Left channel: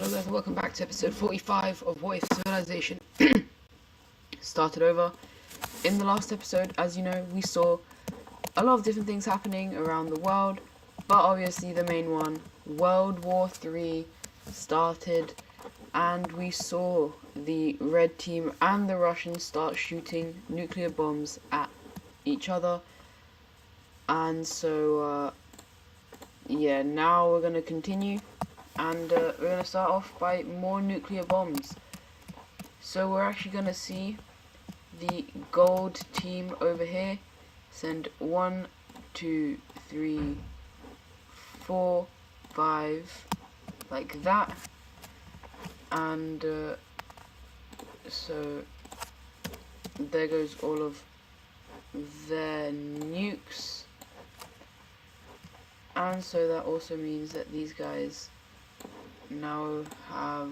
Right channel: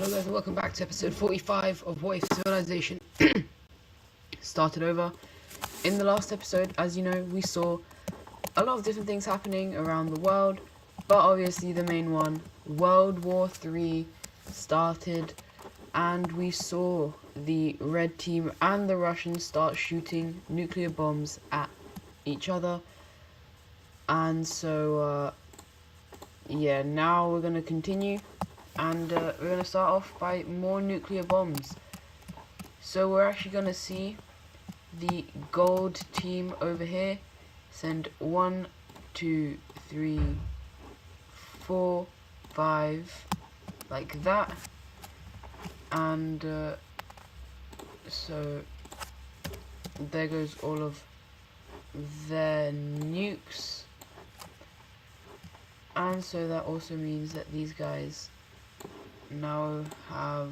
Hello guys and welcome back to episode 45 of What If Civilization started over. In the last episode, as you know, we saw a lot of different things happening around the world, but obviously the main one, World War III, started, and we saw the Red Team and the Russians start shooting nuclear bombs at each other. And so yeah, now we're going to continue. And we're going to start off by more nuclear bombs. So we're actually going to see the gold team over here send 1, 2, 3, 4, 5, like that. And so there goes all of their nukes. And so that also means that these guys now have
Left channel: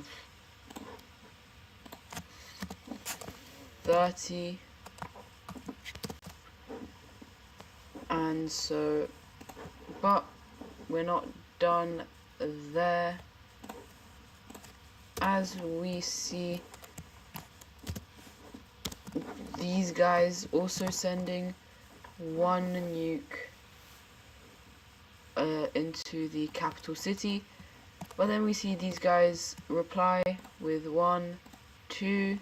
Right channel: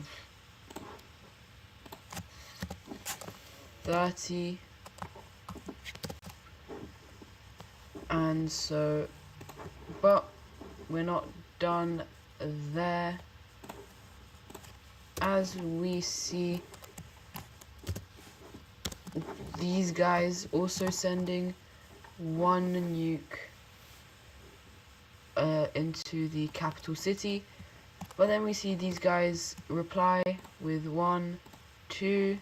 30, and so, but we're not done there. As we see these guys also sending 1 nuke into the capital city. But then we see these guys reply with 1, 2,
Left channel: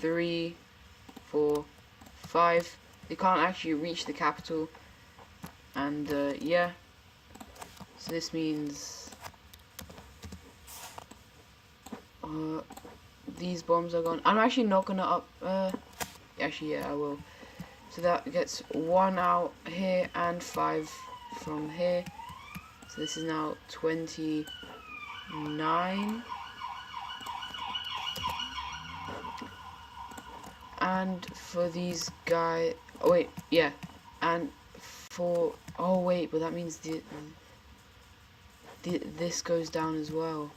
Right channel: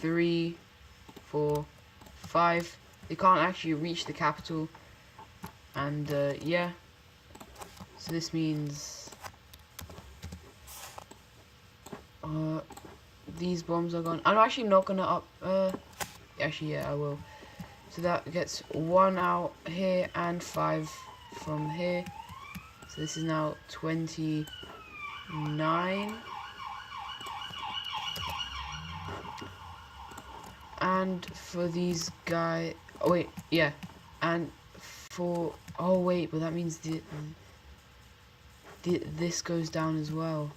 3, 4, 5. They can't actually reach the capital. And yeah. So this means these bombs are gone. I'm actually not gonna actually yeah, I will. So that gets 1 out here and 5 from here. So this is now 29. And for these guys, oh wait, yeah, and for, oh wait, but that means this goes down as well.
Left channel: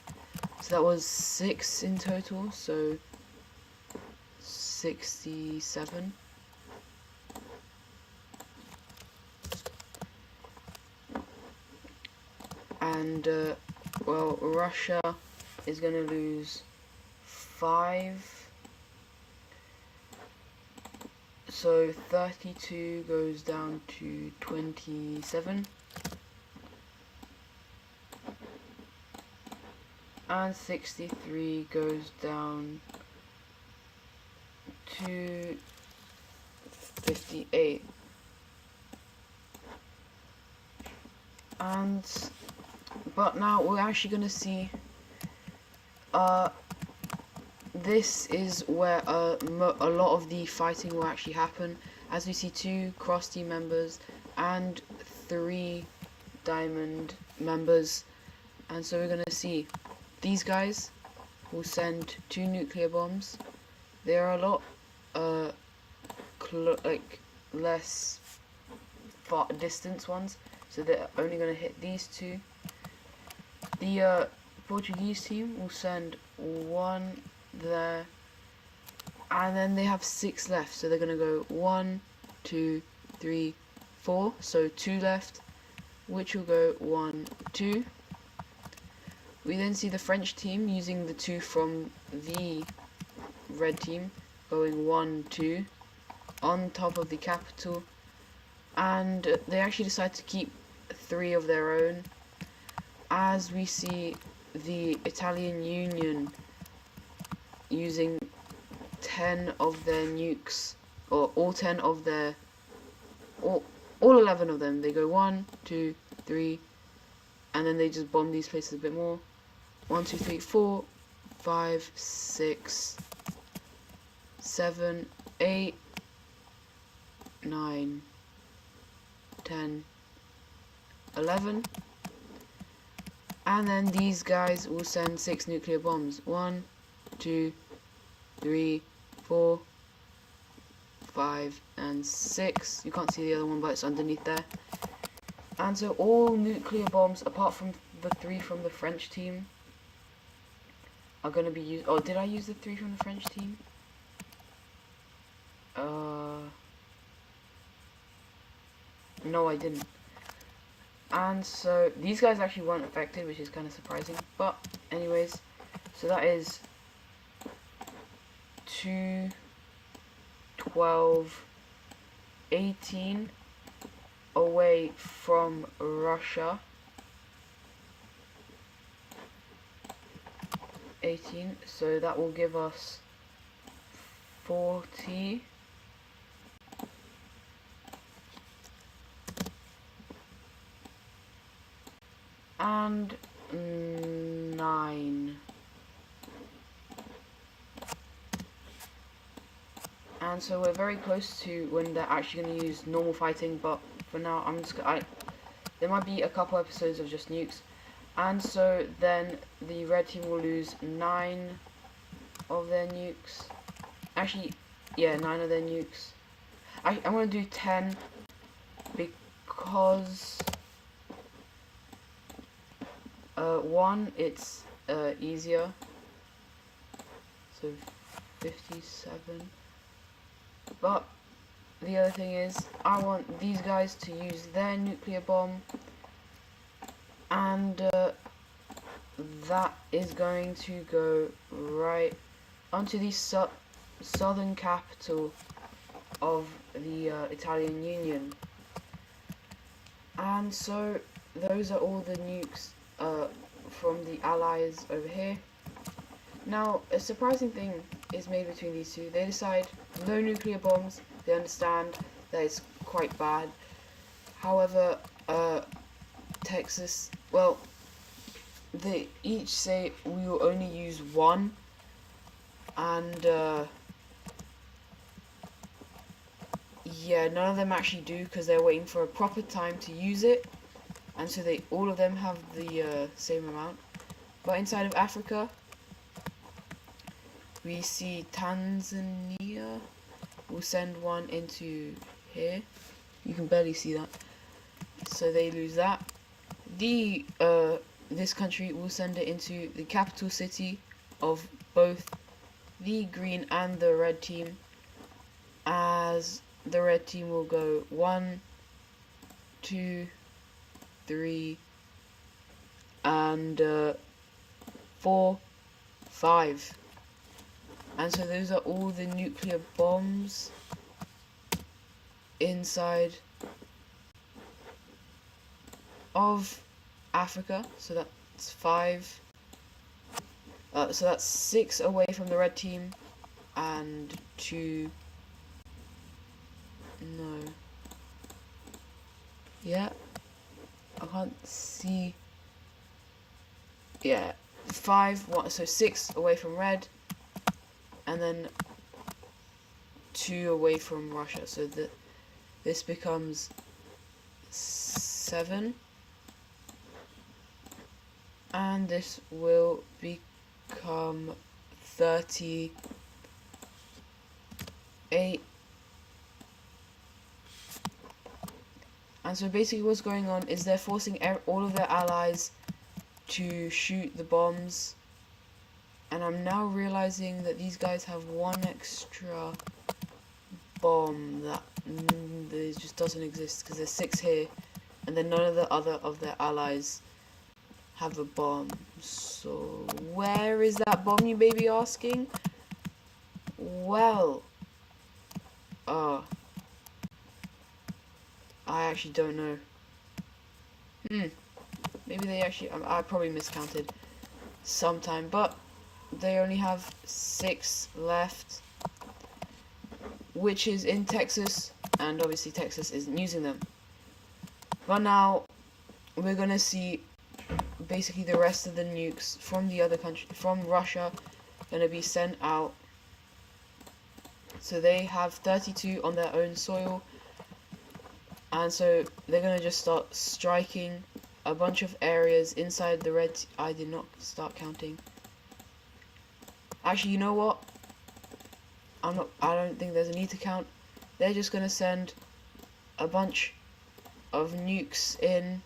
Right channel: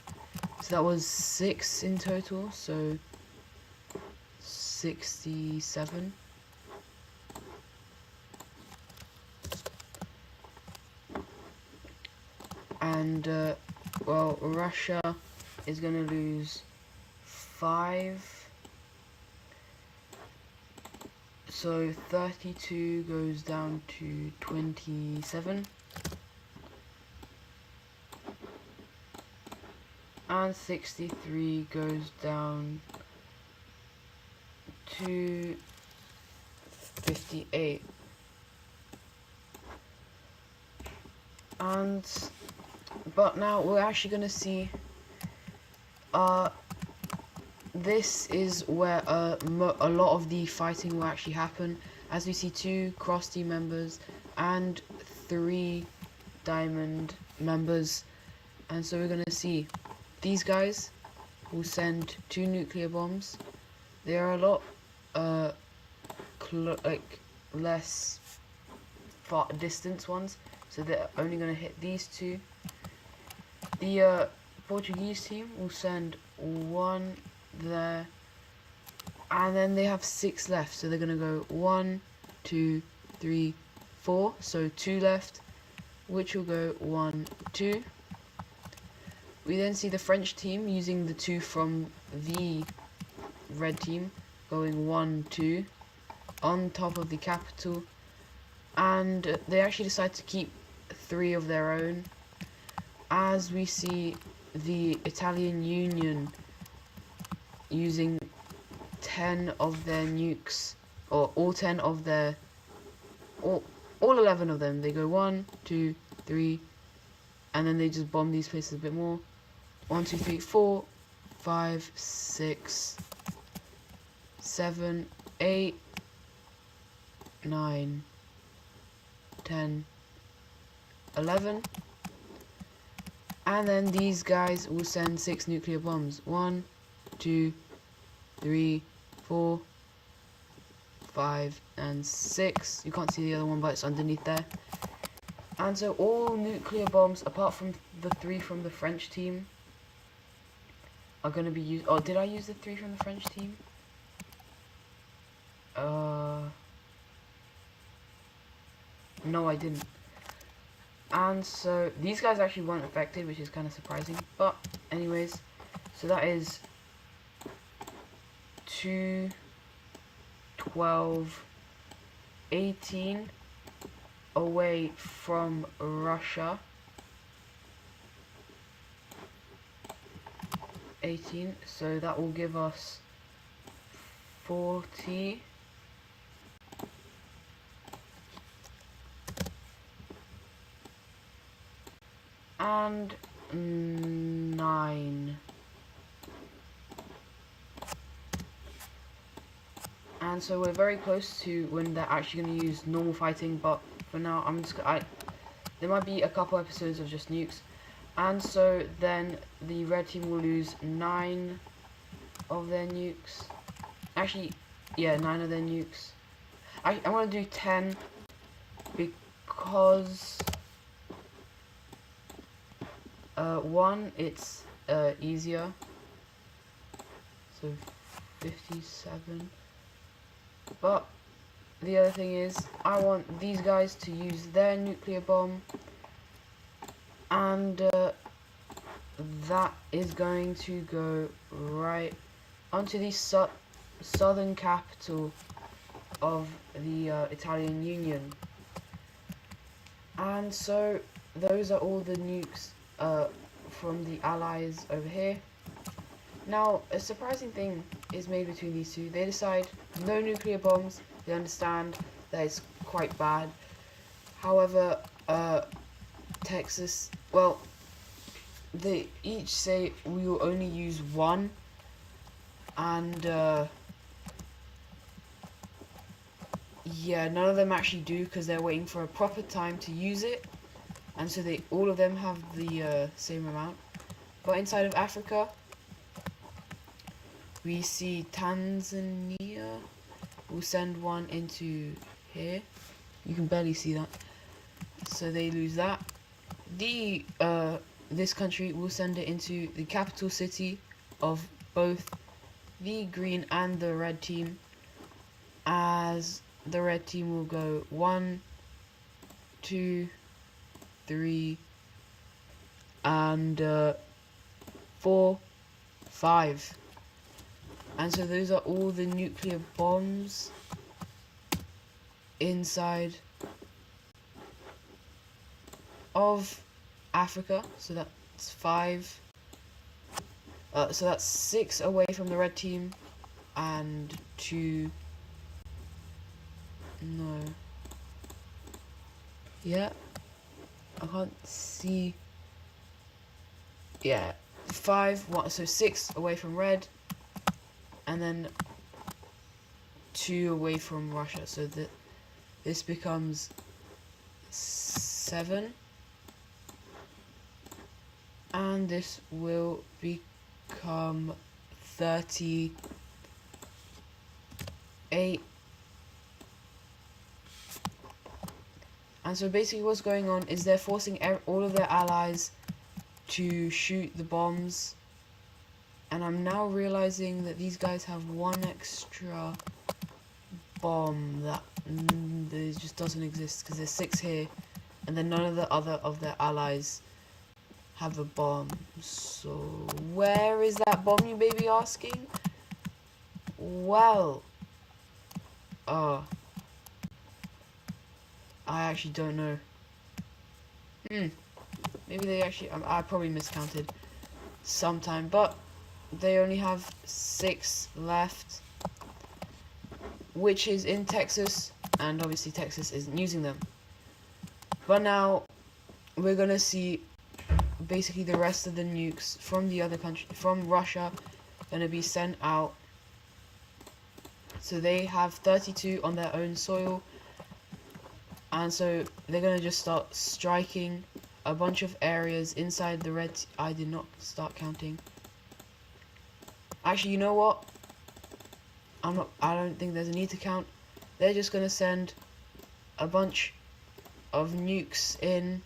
So that was 6 in total, so 67. And well, Russia is gonna lose 5, so 32 goes down to 27, and 63 goes down to 58. And but now we're actually gonna see this is where a lot of the fighting will actually happen, as we see 2 cross team members and 3 diamond members. And so we're gonna see these guys will send 2 nuclear bombs. They are a lot less far distance ones, so they're only gonna hit these 2. The Portuguese team will send 1 there, and then they have 6 left, so they're gonna go 1, 2, 3, 4, so 2 left, which will go 1, 2. We then see the French team using the 2 from the red team, going 1, 2 on top of the capital, and they actually decide to keep 3 of their own. As we see the Italian Union using 10 of their nukes, or all 10 of their, all 11 of them. They go 1, 2, 3, and then they just bomb these places a bit more. 1, 2, 3, 4, 5, 6, 7, 8, 9, 10, 11. And then these guys will send 6 nuclear bombs. 1, 2, 3, 4, 5, and 6. You can't see the other one, but it's underneath there. And so all nuclear bombs, apart from the 3 from the French team, are going to be used. Oh, did I use the 3 from the French team? No, I didn't. And so these guys actually weren't affected, which is kind of surprising. But anyways, so that is 2, 12, 18 away from Russia. 18, so that will give us 40. And 9. And so we're very close to when they're actually going to use normal fighting, but for now I'm just there might be a couple episodes of just nukes. And so then the red team will lose 9 of their nukes. Actually, yeah, 9 of their nukes. I'm going to do 10 because 1, it's easier. So 57. But the other thing is, I want these guys to use their nuclear bomb, and that is going to go right onto the southern capital of the Italian Union. And so those are all the nukes from the Allies over here. Now, a surprising thing is made between these two. They decide no nuclear bombs. They understand that it's quite bad. However, Texas, well, they each say we will only use 1, and yeah, none of them actually do because they're waiting for a proper time to use it, and so all of them have the same amount. But inside of Africa, we see Tanzania will send 1 into here. You can barely see that, so they lose that. This country will send it into the capital city of both the green and the red team, as the red team will go 1, 2, 3, and 4, 5. And so those are all the nuclear bombs inside of Africa. So that's 5. So that's 6 away from the red team, and 2. No. Yeah. I can't see. Yeah. 5. 1. So 6 away from red, and then 2 away from Russia. So this becomes 7. And this will become 38. And so basically what's going on is they're forcing all of their allies to shoot the bombs. And I'm now realizing that these guys have 1 extra bomb that just doesn't exist, because there's 6 here, and then none of the other of their allies have a bomb. So where is that bomb, you may be asking? Well, I actually don't know. Maybe they actually, I probably miscounted sometime, but they only have 6 left, which is in Texas, and obviously Texas isn't using them. But now we're gonna see basically the rest of the nukes from the other country, from Russia, gonna be sent out. So they have 32 on their own soil, and so they're gonna just start striking a bunch of areas inside the red. I did not start counting. Actually, you know what? I don't think there's a need to count. They're just gonna send a bunch of nukes in.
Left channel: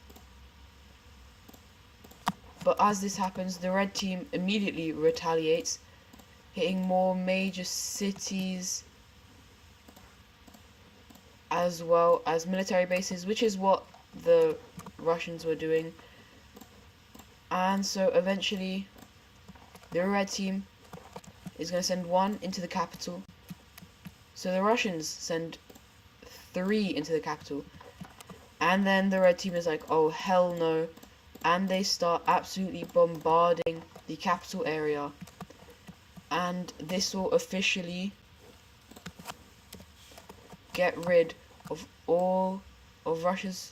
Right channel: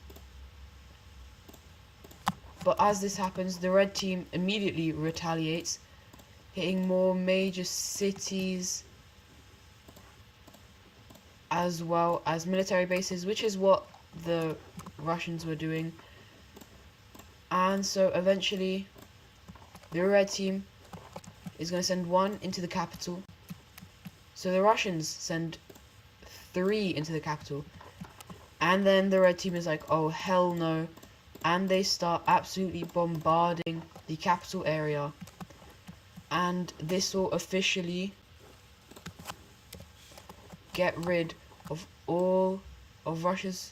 But as this happens, the red team immediately retaliates, hitting more major cities as well as military bases, which is what the Russians were doing. And so eventually the red team is going to send 1 into the capital. So the Russians send 3 into the capital. And then the red team is like, oh hell no. And they start absolutely bombarding the capital area. And this will officially get rid of all of Russia's...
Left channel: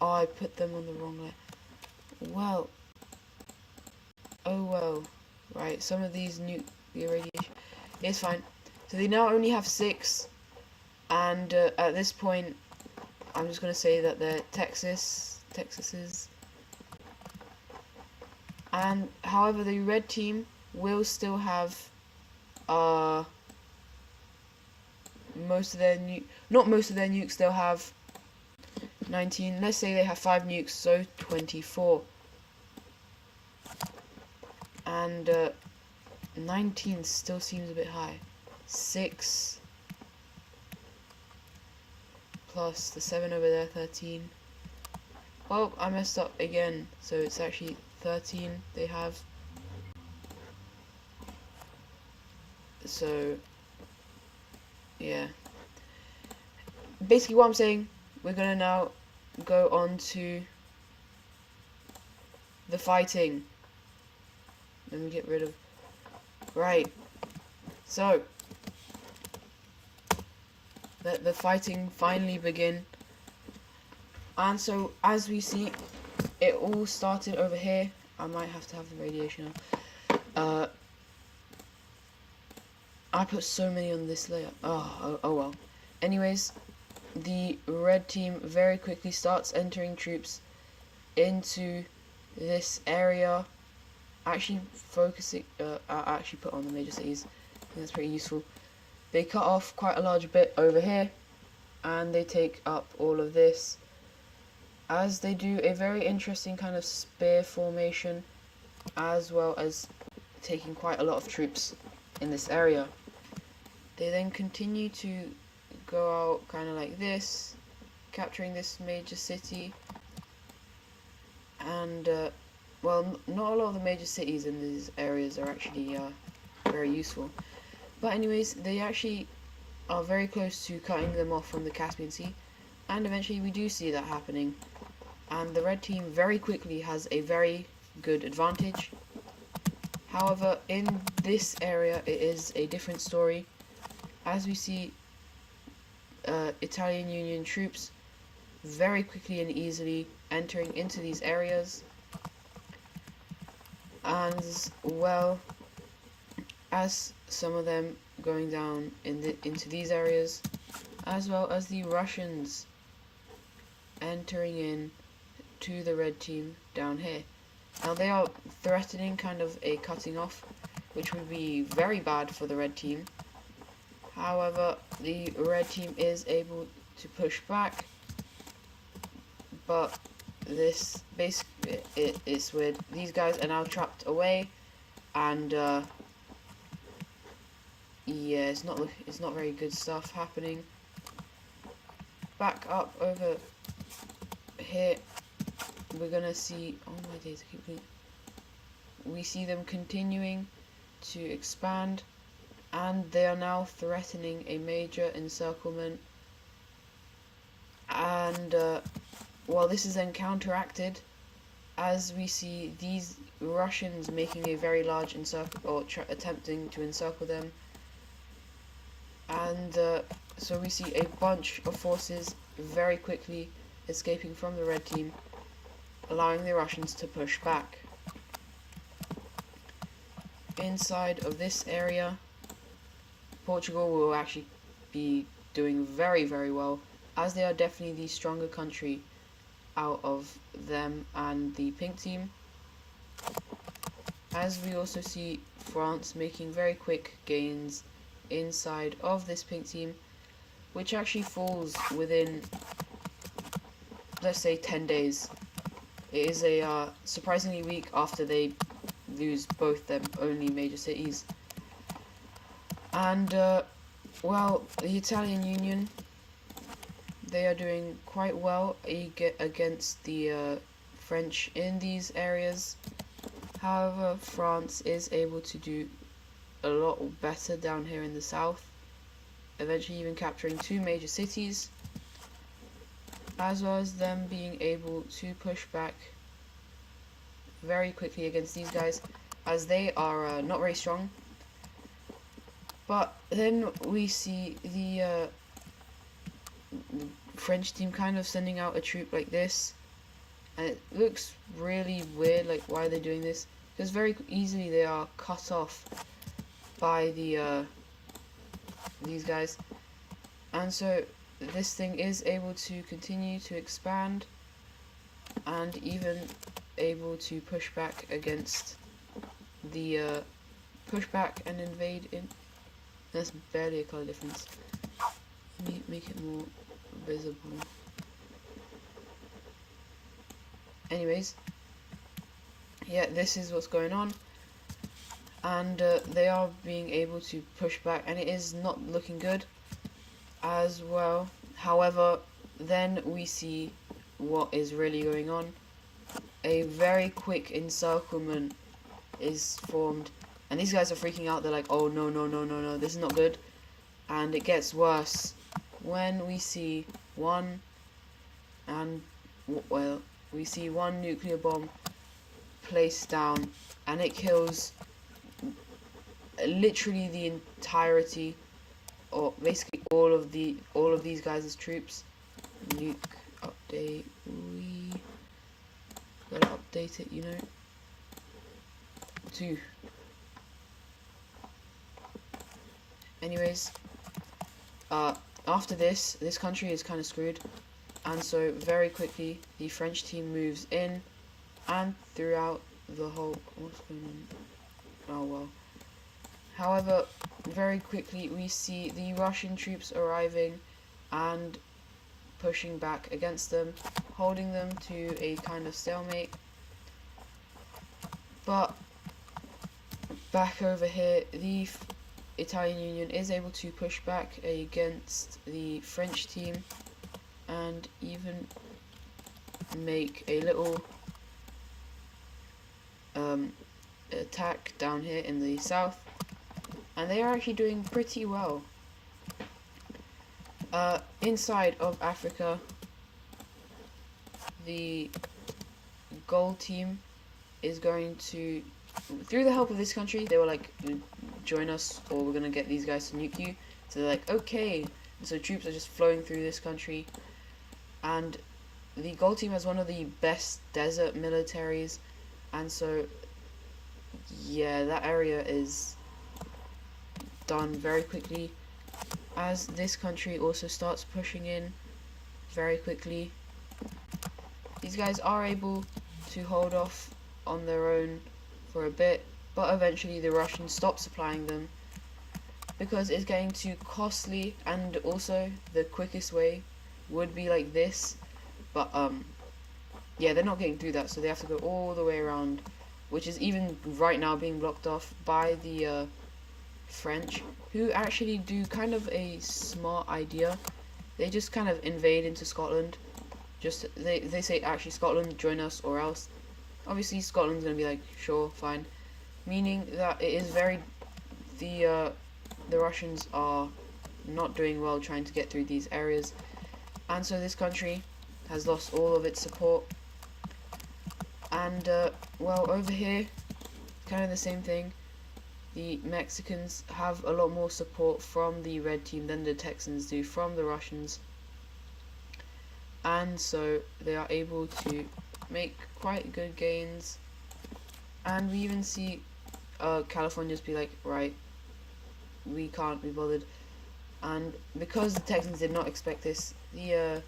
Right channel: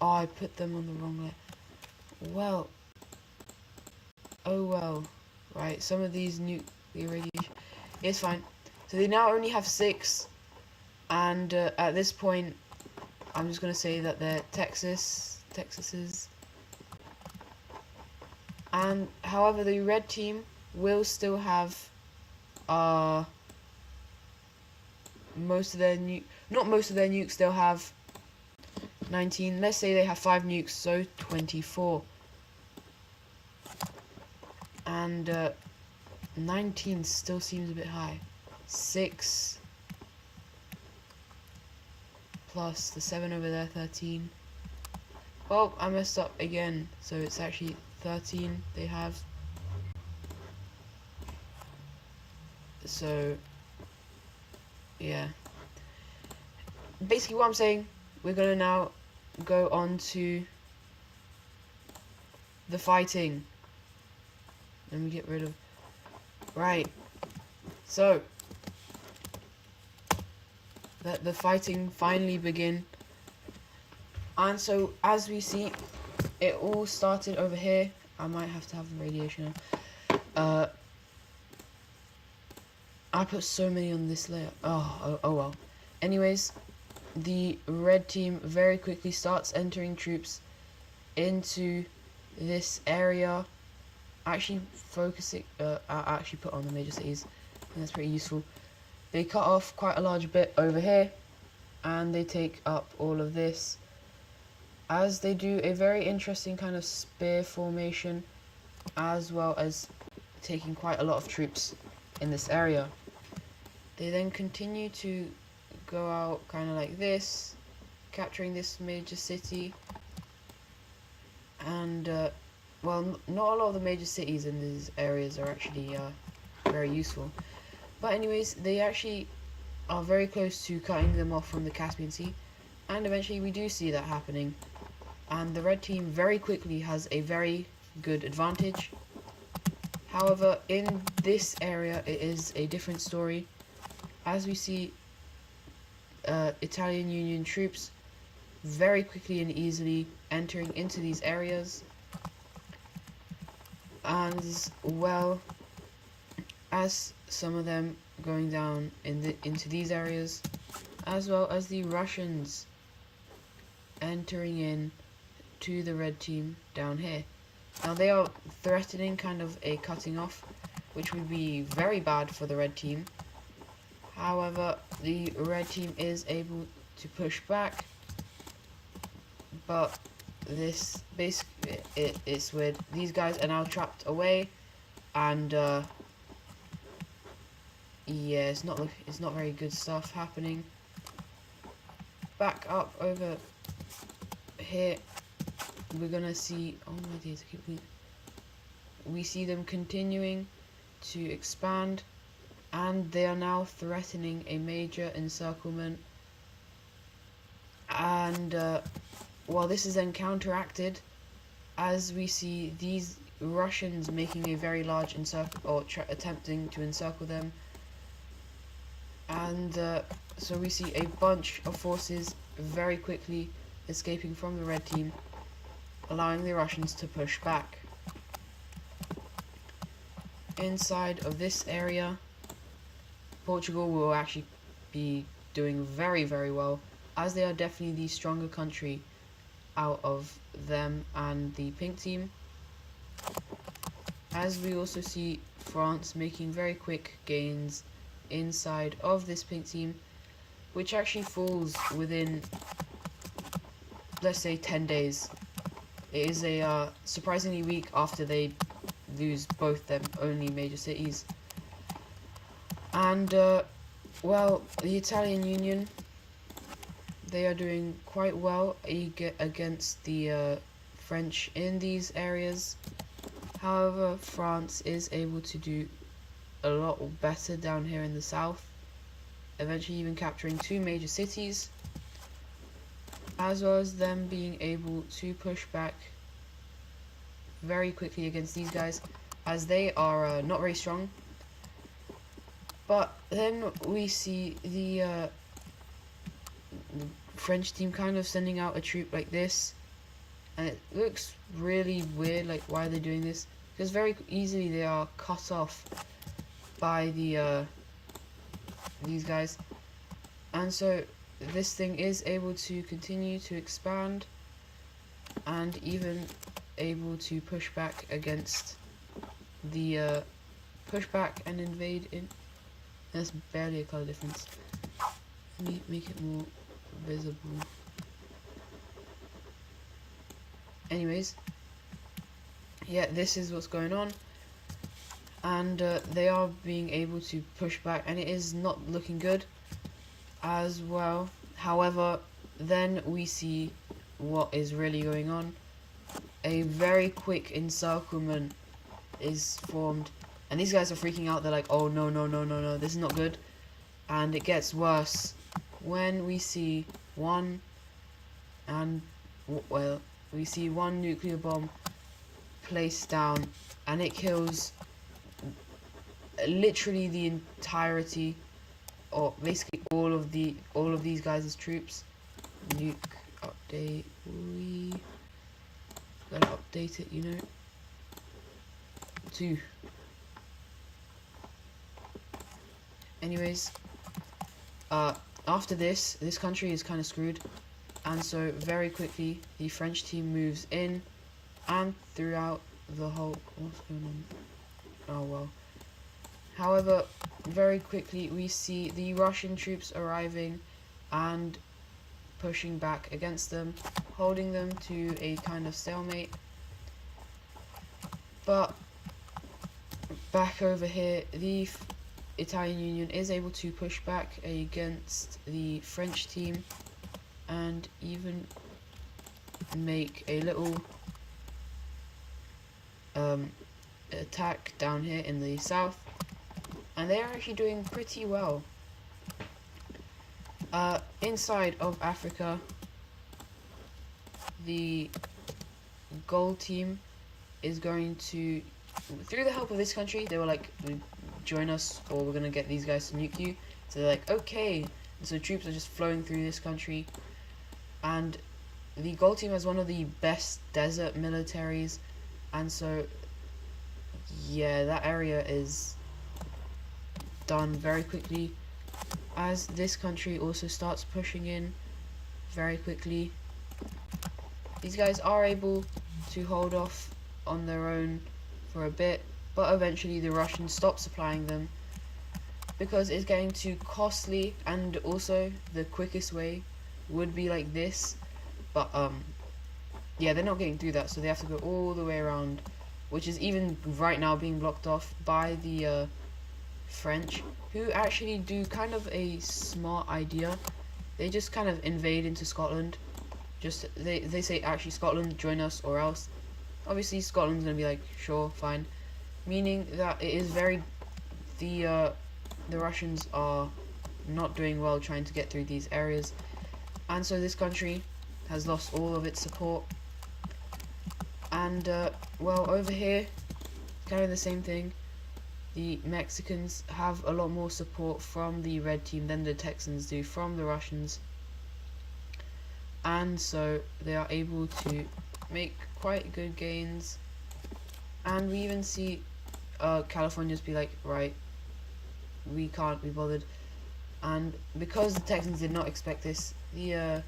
Oh, I put them on the wrong way. Well. Oh well. Right, some of these nuclear radiation... It's fine. So they now only have 6. And at this point, I'm just going to say that they're Texases. And however, the red team will still have most of their not most of their nukes. They'll have 19. Let's say they have 5 nukes, so 24. And 19 still seems a bit high. 6 plus the 7 over there, 13. Well, I messed up again, so it's actually 13 they have. So yeah, basically what I'm saying, we're gonna now go on to the fighting. Let me get rid of... Right, so let the fighting finally begin. And so as we see, it all started over here. I might have to have a radiation on. I put so many on this layer. Oh well. Anyways, the red team very quickly starts entering troops into this area. Actually focusing, I actually put on the major cities. I think that's pretty useful. They cut off quite a large bit over here, and they take up all of this, as they do a very interesting kind of spear formation, as well as taking quite a lot of troops in this area. They then continue to go out kind of like this, capturing this major city. And well, not a lot of the major cities in these areas are actually very useful, but anyways, they actually are very close to cutting them off from the Caspian Sea, and eventually we do see that happening, and the red team very quickly has a very good advantage. However, in this area it is a different story, as we see Italian Union troops very quickly and easily entering into these areas, and as well as some of them going down into these areas, as well as the Russians entering in to the red team down here. Now they are threatening kind of a cutting off, which would be very bad for the red team. However, the red team is able to push back, but this basically it's weird. These guys are now trapped away, and yeah, it's not very good stuff happening. Back up over here, we're gonna see. Oh my days! We see them continuing to expand, and they are now threatening a major encirclement. And well, this is then counteracted as we see these Russians making a very large encircle, or attempting to encircle them. And so we see a bunch of forces very quickly escaping from the red team, allowing the Russians to push back. Inside of this area, Portugal will actually be doing very, very well, as they are definitely the stronger country out of them and the pink team. As we also see France making very quick gains inside of this pink team, which actually falls within, let's say, 10 days. It is a surprisingly weak after they lose both their only major cities. And well, the Italian Union, they are doing quite well against the French in these areas. However, France is able to do a lot better down here in the south, eventually even capturing 2 major cities, as well as them being able to push back very quickly against these guys, as they are not very strong. But then we see the French team kind of sending out a troop like this, and it looks really weird, like why are they doing this? Because very easily they are cut off by the these guys, and so this thing is able to continue to expand and even able to push back against the push back and invade in. There's barely a color difference. Let me make it more visible. Anyways, yeah, this is what's going on, and they are being able to push back, and it is not looking good as well. However, then we see what is really going on. A very quick encirclement is formed, and these guys are freaking out. They're like, oh no, no, no, no, no, this is not good. And it gets worse when we see one nuclear bomb placed down, and it kills literally the entirety, or basically all of these guys' troops. Nuke update, we gotta update it, you know. 2. Anyways, after this country is kind of screwed, and so very quickly the French team moves in and throughout the whole. What's going on? Oh well. However, very quickly we see the Russian troops arriving and pushing back against them, holding them to a kind of stalemate. But back over here, the Italian Union is able to push back against the French team and even make a little attack down here in the south, and they are actually doing pretty well. Inside of Africa, the gold team is going to, through the help of this country, they were like, join us or we're gonna get these guys to nuke you. So they're like, okay. And so troops are just flowing through this country, and the gold team has one of the best desert militaries, and so yeah, that area is done very quickly, as this country also starts pushing in very quickly. These guys are able to hold off on their own for a bit, but eventually the Russians stop supplying them because it's getting too costly, and also the quickest way would be like this, but yeah, they're not getting through that, so they have to go all the way around, which is even right now being blocked off by the French, who actually do kind of a smart idea. They just kind of invade into Scotland. Just they say, actually, Scotland, join us or else. Obviously Scotland's gonna be like, sure, fine, meaning that it is very, the Russians are not doing well trying to get through these areas, and so this country has lost all of its support. And well, over here, kind of the same thing. The Mexicans have a lot more support from the red team than the Texans do from the Russians, and so they are able to make quite good gains. And we even see California's be like, right, we can't be bothered. And because the Texans did not expect this, the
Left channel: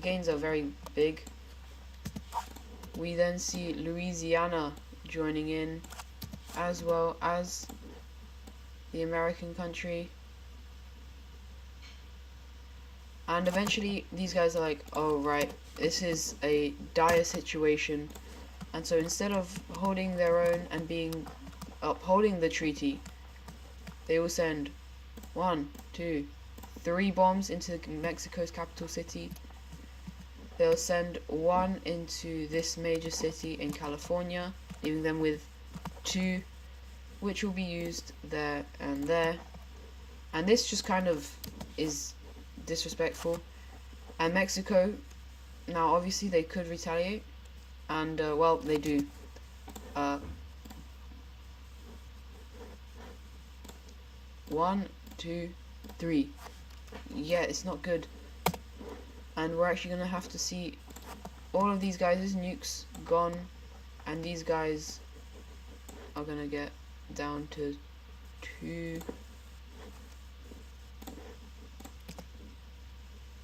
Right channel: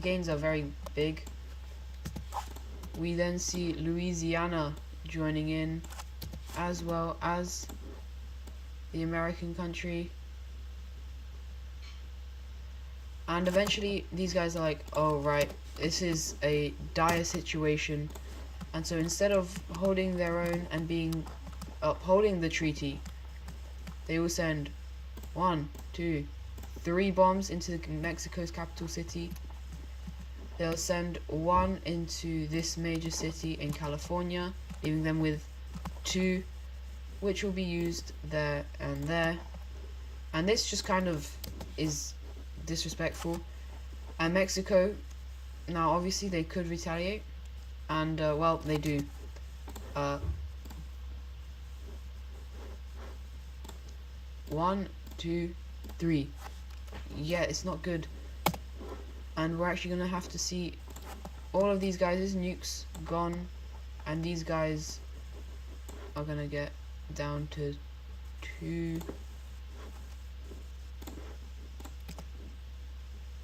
gains are very big. We then see Louisiana joining in, as well as the American country. And eventually these guys are like, oh right, this is a dire situation, and so instead of holding their own and upholding the treaty, they will send 1, 2, 3 bombs into Mexico's capital city, they'll send one into this major city in California, leaving them with 2, which will be used there and there. And this just kind of is disrespectful. And Mexico, now obviously they could retaliate, and well, they do. 1, 2, 3. Yeah, it's not good. And we're actually gonna have to see all of these guys' nukes gone, and these guys are gonna get down to 2.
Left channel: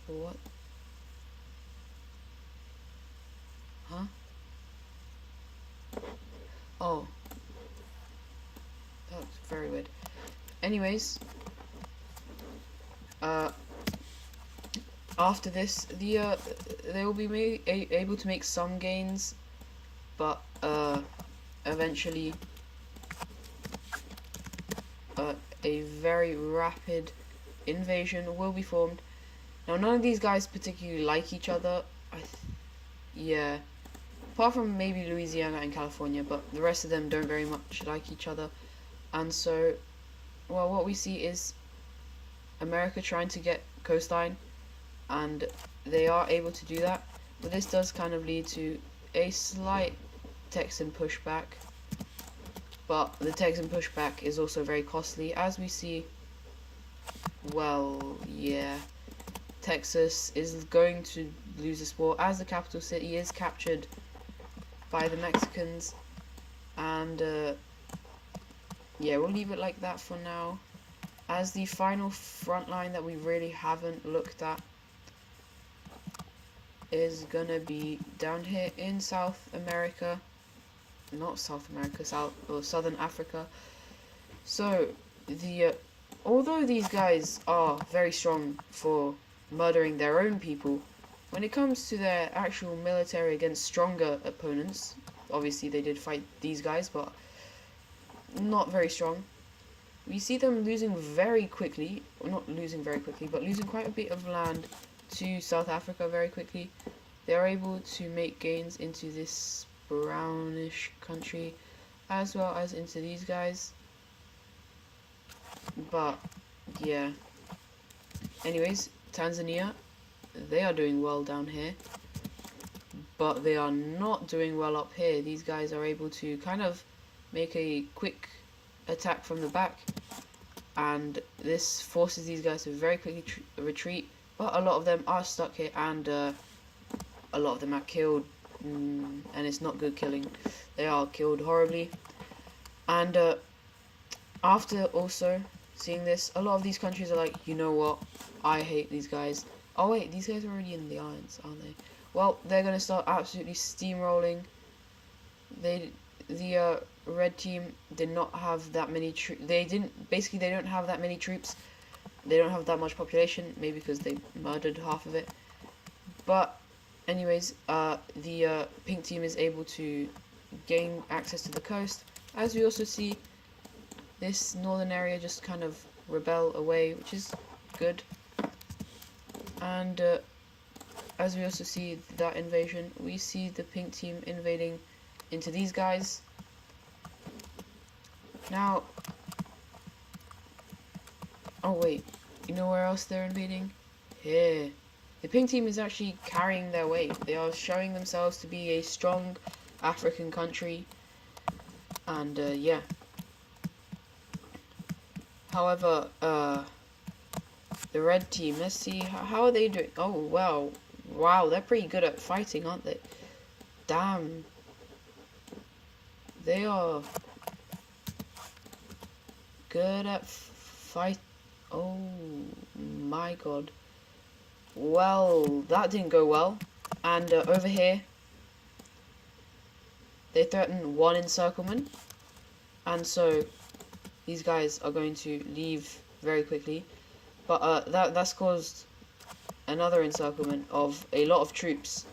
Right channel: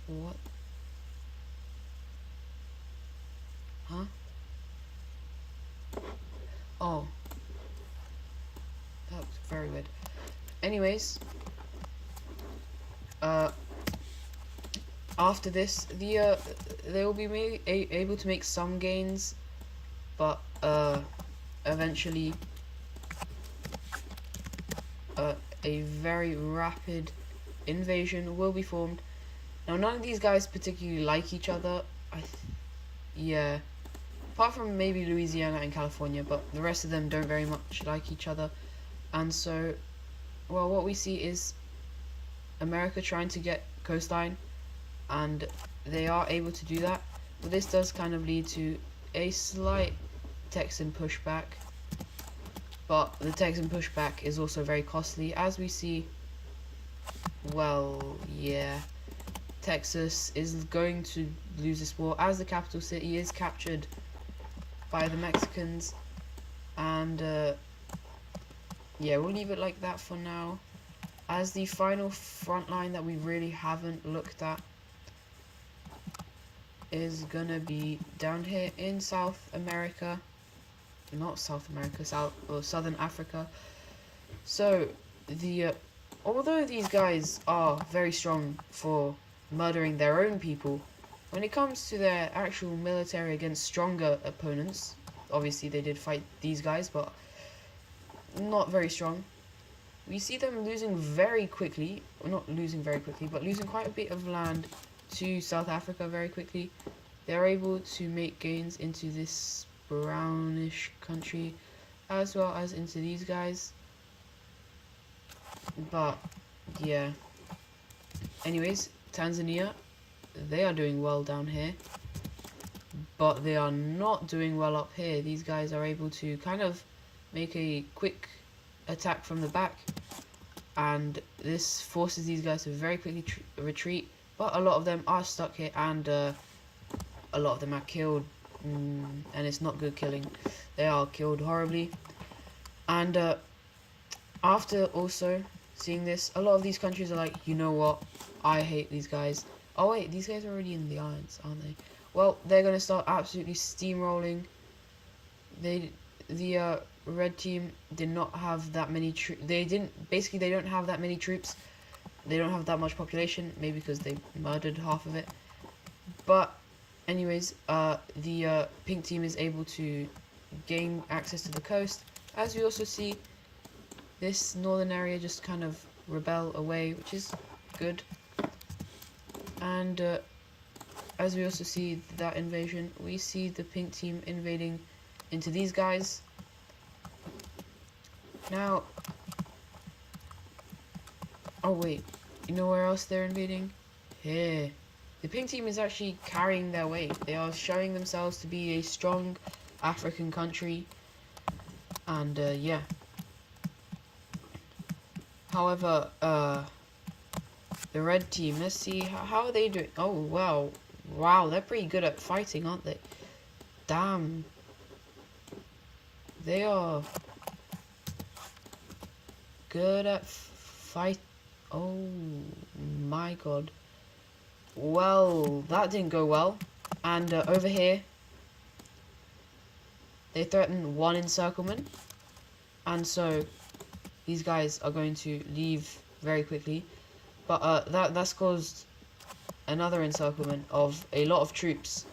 What? Huh? Oh. That's very weird. Anyways, after this, they will be able to make some gains, but eventually a very rapid invasion will be formed. Now, none of these guys particularly like each other. Yeah, apart from maybe Louisiana and California, but the rest of them don't very much like each other. And so, well, what we see is America trying to get coastline, and they are able to do that. But this does kind of lead to a slight Texan pushback. But the Texan pushback is also very costly, as we see. Well, yeah, Texas is going to lose this war as the capital city is captured by the Mexicans. And yeah, we'll leave it like that for now. As the final front line that we really haven't looked at is gonna be down here in South America. Not South America, Southern Africa. So although these guys are very strong for murdering their own people, when it comes to their actual military against stronger opponents, obviously they did fight these guys, but not very strong. We see them losing very quickly, well, not losing very quickly, but losing quite a bit of land to South Africa very quickly. They're able to make gains into this brownish country, as well as into these guys. But yeah, anyways, Tanzania, they are doing well down here, but they are not doing well up here. These guys are able to kind of make a quick attack from the back, and this forces these guys to very quickly retreat. But a lot of them are stuck here, and a lot of them are killed, and it's not good killing. They are killed horribly. And after also seeing this, a lot of these countries are like, you know what, I hate these guys. Oh wait, these guys are already in the alliance, aren't they? Well, they're going to start absolutely steamrolling. The red team did not have that many troops. They don't have that many troops. They don't have that much population, maybe because they murdered half of it. But anyways, the pink team is able to gain access to the coast. As we also see this northern area just kind of rebel away, which is good. And as we also see that invasion, we see the pink team invading into these guys. Now, oh wait, you know where else they're invading? Here. The pink team is actually carrying their weight. They are showing themselves to be a strong African country. And yeah. However, the red team, let's see, how are they doing? Oh, wow. Wow, they're pretty good at fighting, aren't they? Damn. They are good at fight. Oh, my God. Well, that didn't go well. And over here, they threaten 1 encirclement. And so, these guys are going to leave very quickly. But that's caused another encirclement of a lot of troops.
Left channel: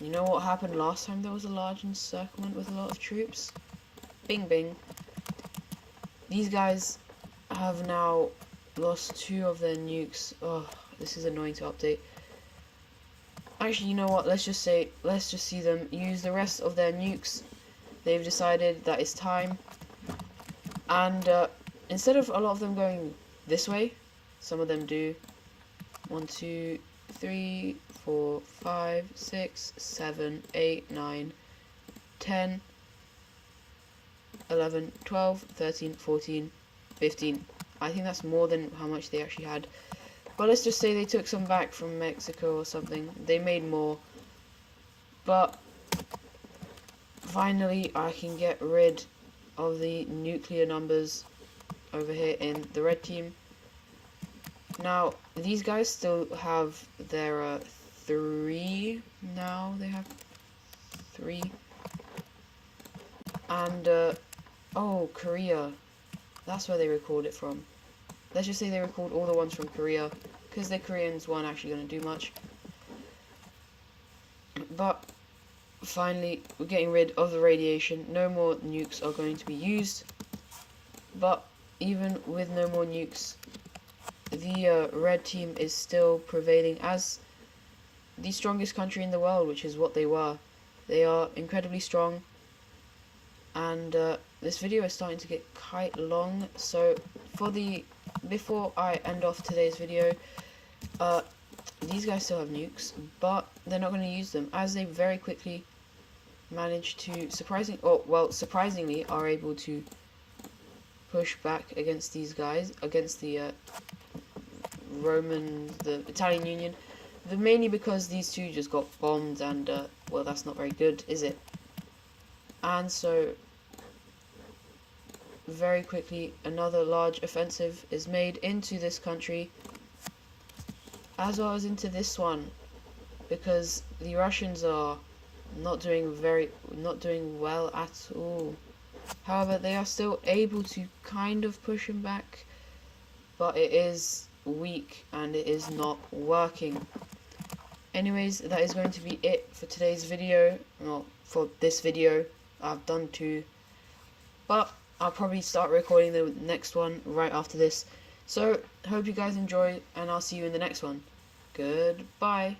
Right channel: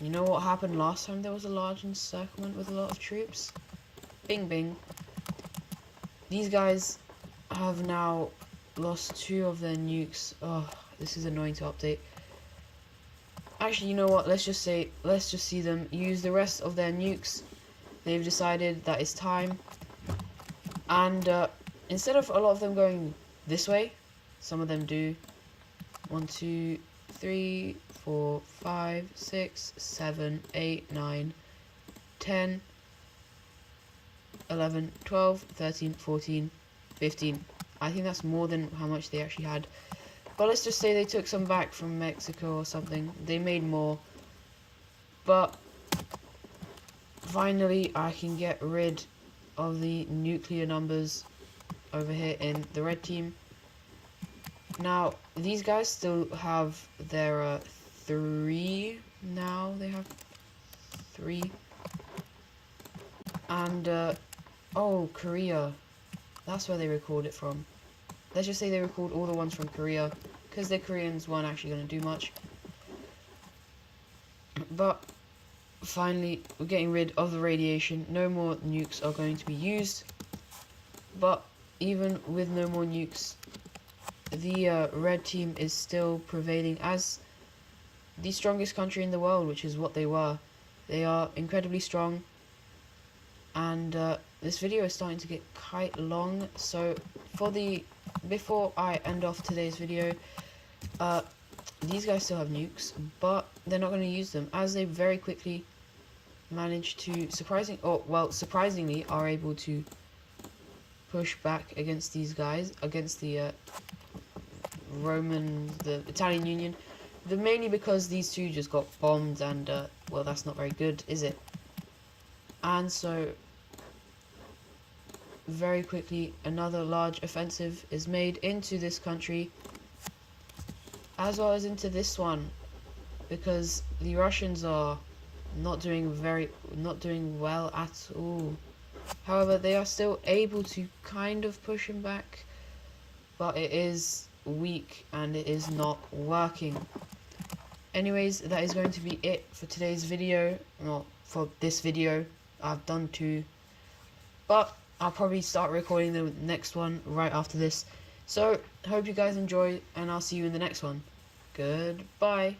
You know what happened last time there was a large encirclement with a lot of troops? Bing bing. These guys have now lost 2 of their nukes. Oh, this is annoying to update. Actually, you know what? Let's just see them use the rest of their nukes. They've decided that it's time. And instead of a lot of them going this way, some of them do. 1, 2, 3, 4, 5, 6, 7, 8, 9, 10, 11, 12, 13, 14, 15. I think that's more than how much they actually had. But let's just say they took some back from Mexico or something. They made more. But finally I can get rid of the nuclear numbers over here in the red team. Now, these guys still have their 3 now. They have 3. And, oh, Korea. That's where they record it from. Let's just say they record all the ones from Korea, because the Koreans weren't actually going to do much. But, finally, we're getting rid of the radiation. No more nukes are going to be used. But, even with no more nukes, the red team is still prevailing as the strongest country in the world, which is what they were. They are incredibly strong. And this video is starting to get quite long, so before I end off today's video, these guys still have nukes, but they're not going to use them, as they very quickly managed to surprisingly are able to push back against these guys, against the the Italian Union, mainly because these two just got bombed, and well, that's not very good, is it? And so very quickly another large offensive is made into this country, as well as into this one, because the Russians are not doing well at all. However, they are still able to kind of push him back, but it is weak and it is not working. Anyways, that is going to be it for today's video. Not for this video, I've done 2, but I'll probably start recording the next one right after this. So, hope you guys enjoy, and I'll see you in the next one. Goodbye.